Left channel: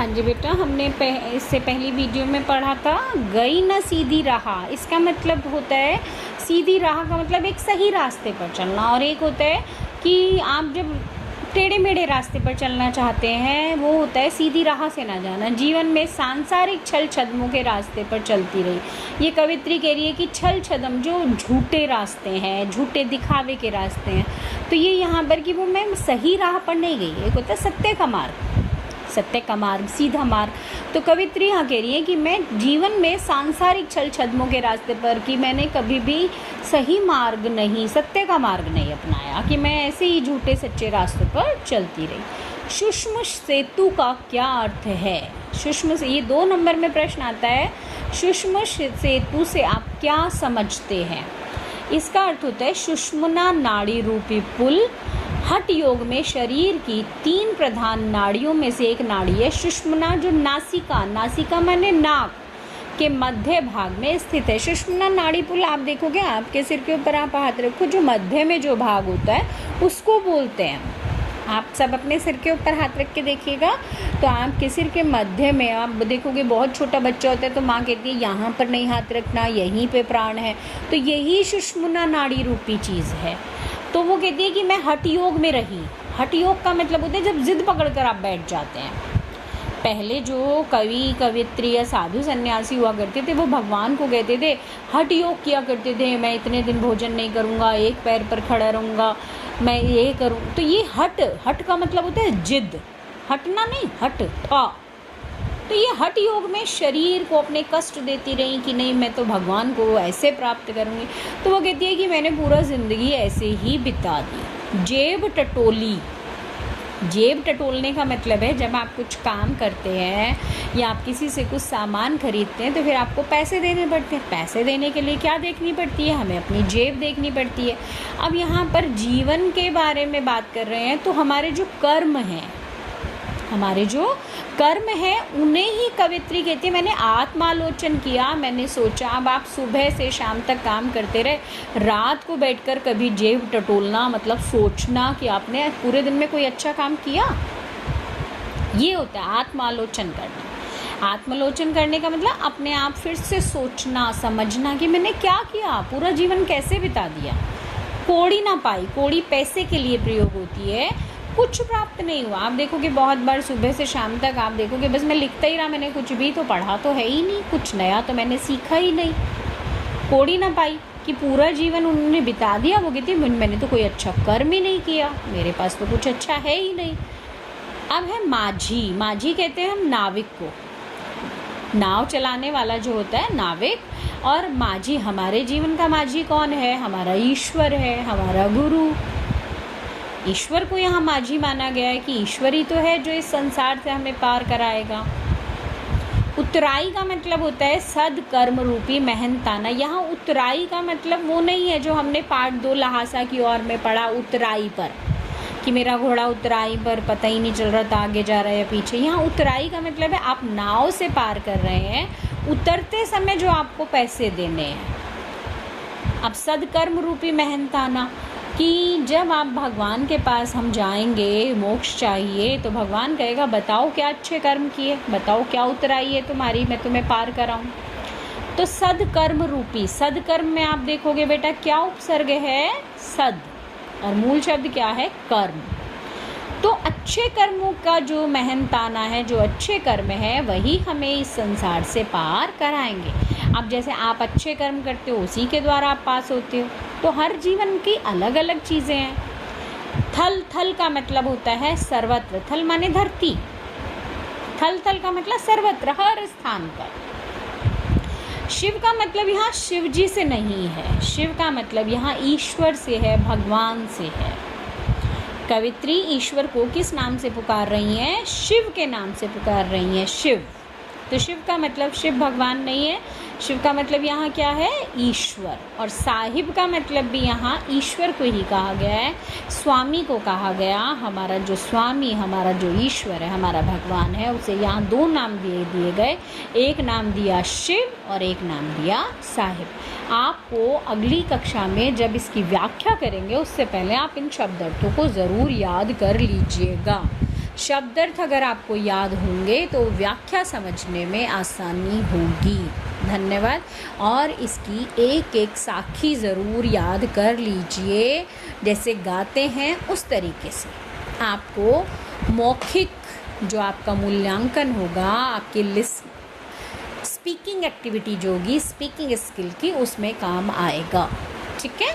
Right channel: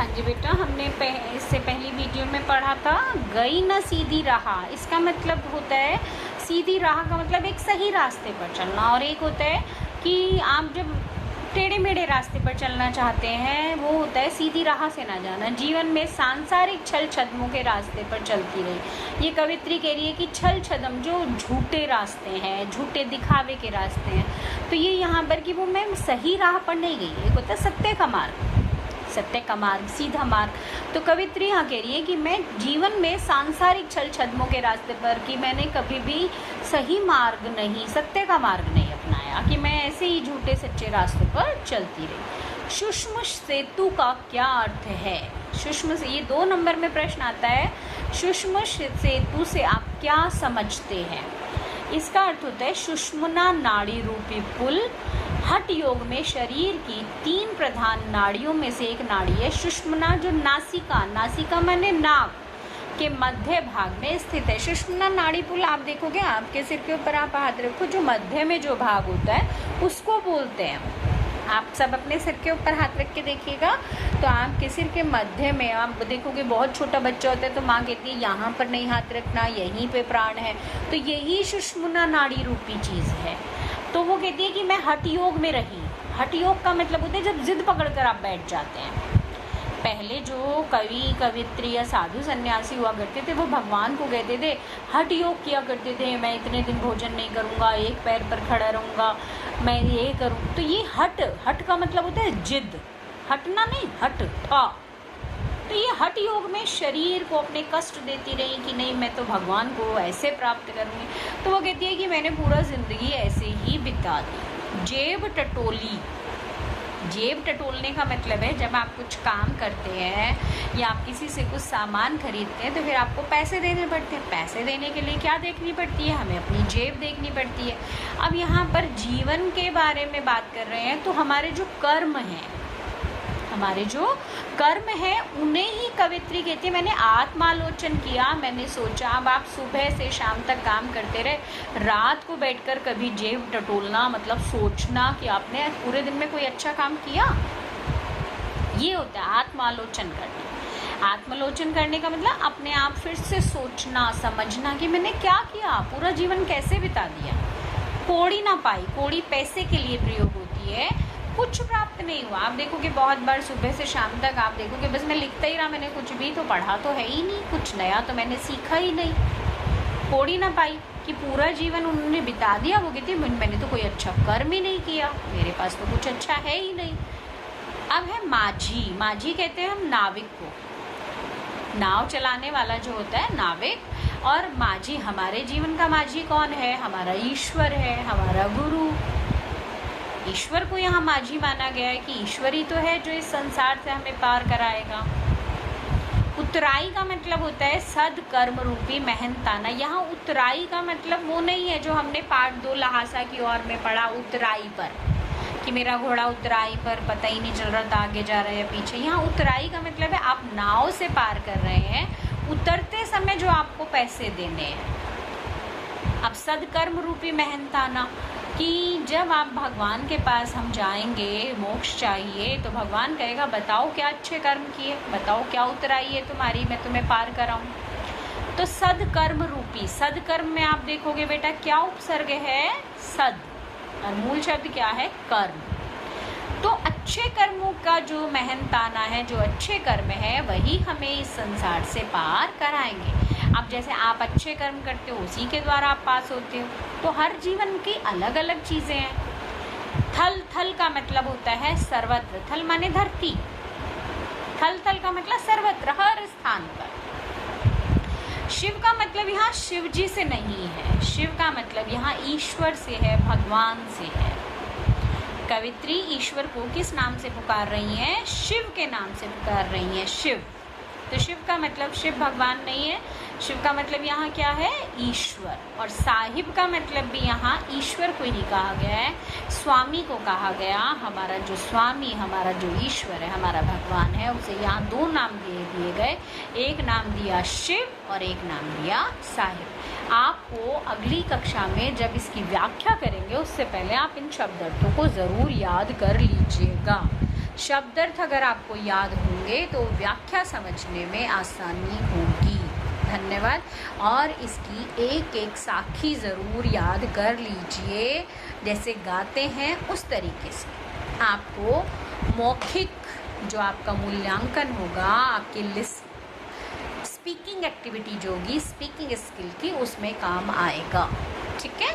हाँ जी बेटा, हमने इससे पहली वीडियो में पढ़ा था गई न सीधी राह। इसका मतलब होता है, सीधी राह का मतलब एक सही रास्ते पर चलना, और एक होता है कि आप जब टेढ़े मेढ़े रास्ते पर चलना चाहते हैं, वो होता है सीधी राह से ना जाना। जीवन में सांसारिक छल छद्मों के रास्ते पर चलती रही। ये कवित्री कह रही है कि छल छद्म जो झूठे रास्ते हैं, झूठे दिखावे के रास्ते हैं, तो ये यहाँ पर कि वो मैं सही राह पर नहीं गई। एक होता है सत्य का मार्ग, सत्य का मार्ग, सीधा मार्ग। तो कवित्री यहाँ कह रही है कि मैं जीवन में सांसारिक छल छद्मों के रास्ते पर कि मैंने कभी भी सही मार्ग नहीं, सत्य का मार्ग नहीं अपनाया, कि मैं ऐसे ही झूठे सच्चे रास्ते पर चलती रही। सूक्ष्म सेतु का क्या अर्थ है? सूक्ष्म से ये 2 नंबर में प्रश्न आता है। सूक्ष्म सेतु से आप क्या समझते हैं? इसका अर्थ होता है सुषुम्ना नाड़ी रूपी पुल। हठ योग में शरीर की 3 प्रधान नाड़ियों में से एक नाड़ी है सुषुम्ना, जो नासिका, नासिका माने नाक के मध्य भाग में स्थित है। सुषुम्ना नाड़ी पुल आप देखोगे, आपके सिर के ऊपर आप हाथ रखो, जो मध्य में जो भाग होता है उसको बोलते हैं। आप सब अपने सिर के ऊपर हाथ रख के देखिएगा, तो आपके सिर के मध्य में आप देखोगे, बहुत छोटा बच्चा होता है तो माँ कहती है यहाँ पर नहीं हाथ रखना, यहीं पे प्राण है। तो यही सुषुम्ना नाड़ी रूपी चीज़ है। तो वो कहती है कि मैं हठ योग में रही। हठ योग का मतलब होता है जब जिद पकड़कर आप बैठ जाते हैं। पहले जो कवि कवित्री या साधु सन्यासी हुआ करते थे, वो भगवान को कहते थे, हठ योग किया करते थे, मैं इतने दिन भोजन नहीं करूँगा, एक पैर पर खड़ा रहूँगा, मैं ये करूँ। तो ये हठ का मतलब होता है जिद, हटना नहीं, हठ था। तो ये हठ योग में शरीर को अपने कष्ट देती रही कि नहीं मैं तो भगवान को ऐसे प्राप्त करूँगी। तो वो कहती है कि मैंने पूरा ज़िंदगी ऐसे ही बिता दी। जेब टटोली, जेब टटोलने का मतलब है जब आप कुछ काम करते हैं या आप किसी से कुछ सामान खरीदते हैं तो फिर आपको पैसे देने पड़ते हैं। पैसे देने के लिए क्या देखनी पड़ती है? हमें अपनी जेब देखनी पड़ती है। अब यहाँ पर जीवन के बारे में बात कर रहे हैं, तो हमारे जो कर्म हैं, हमारे जो कर्म है उन्हें ही कवित्री कहती है मैंने आत्मालोचन किया, मैंने सोचा। अब आप सुबह से शाम तक काम करते रहे, रात को बैठकर कभी जेब टटोलना मतलब सोचना कि आपने पूरे दिन में कोई अच्छा काम किया, ये होता है आत्मालोचन करना। आत्मालोचन करने का मतलब अपने आप फिर से सोचना, समझना कि मैंने क्या किया, पूरा जीवन कैसे बिता दिया। कौड़ी ना पाई, कौड़ी पैसे के लिए प्रयोग होती है, कुछ प्राप्त नहीं हुआ। आप देखोगे बहुत बार सुबह से शाम तक आप देखोगे बस मैं लिखता ही रहा, मैंने कुछ भी तो पढ़ा तो है ही नहीं, कुछ नया तो मैंने सीखा ही नहीं। कौड़ी ना पाई कि पूरा जीवन उन्होंने बिता दिया। वो कहती मैंने तो कोई अच्छा कर्म ही नहीं किया, मेरे पास तो कुछ अच्छा है ही नहीं। अब है माझी। माझी कहते हैं हम नाविक को, नाव चलाने वाला जो होता है नाविक। और माझी, हमारे जीवन का माझी कौन है? हमारा ईश्वर है, हमारा गुरु। ईश्वर को यहाँ माझी माना गया है कि ईश्वर ही तो है जो इस संसार से हमें पार कराएगा। उतराई का मतलब होता है सदकर्म रूपी मेहनताना। यहाँ उतराई का मतलब वो नहीं है जो हमने पार्ट 2 लहासा की ओर में पढ़ा, उतराई पर, कि मेरा घोड़ा उतराई पर पता ही नहीं चल रहा था आगे जा रहा है या पीछे। यहाँ उतराई का मतलब है आप नाव से पार कर रहे हैं, उतरते समय जो आपको पैसे देने हैं। अब सदकर्म रूपी मेहनताना कि जब आप भगवान के पास हम जाएंगे, मोक्ष चाहिए, तो भगवान कहेगा बताओ क्या अच्छे कर्म किए, बताओ क्या उतराई है तुम्हारी, मैं तुम्हें पार कराऊं। तो सदकर्म रूपी, सदकर्म में आप देखोगे बेटा क्या उपसर्ग है? सद, और मूल शब्द क्या है? कर्म। तो अच्छे कर्मों का जो मेहनताना है, जो अच्छे कर्म है, वही हमें इस संसार से पार कराएंगे। अब जैसे आप अच्छे कर्म करते हो उसी के द्वारा आप पास होते हो। तो हर जीवन की अलग अलग चीज़ें हैं। थल, थल का मतलब होता है सर्वत्र। थल माने धरती, थल थल का मतलब सर्वत्र, हर स्थान पर। शिव का मतलब यहाँ शिव जी से नहीं है, शिव का मतलब यहाँ ईश्वर से है, भगवान से है। कवित्री ईश्वर को किस नाम से पुकार रही हैं? शिव के नाम से पुकार रही हैं, शिव। तो शिव का मतलब शिव भगवान नहीं है, शिव का मतलब यहाँ क्या है? ईश्वर। और साहिब का मतलब भी यहाँ ईश्वर को ही कहा गया है, स्वामी को कहा गया। हमारा जो स्वामी, हमारा जो ईश्वर है, हमारा भगवान है, उसे यहाँ 2 नाम दिए गए। एक नाम दिया शिव और एक नाम दिया साहिब। आपको अगली कक्षा में जब इसकी व्याख्या करेंगे उससे पहले आप इन शब्दार्थों को ज़रूर याद कर लीजिएगा। शब्दार्थ अगर आपको याद होंगे तो व्याख्या समझने में आसानी होगी। धन्यवाद। और इसकी एक एक साखी ज़रूर याद कर लीजिए, जैसे गाते हैं उस तरीके से। आपको मौखिक जो आपका मूल्यांकन होगा आपके स्पीकिंग एक्टिविटी जो होगी, स्पीकिंग स्किल की, उसमें काम आएगा। ठीक है।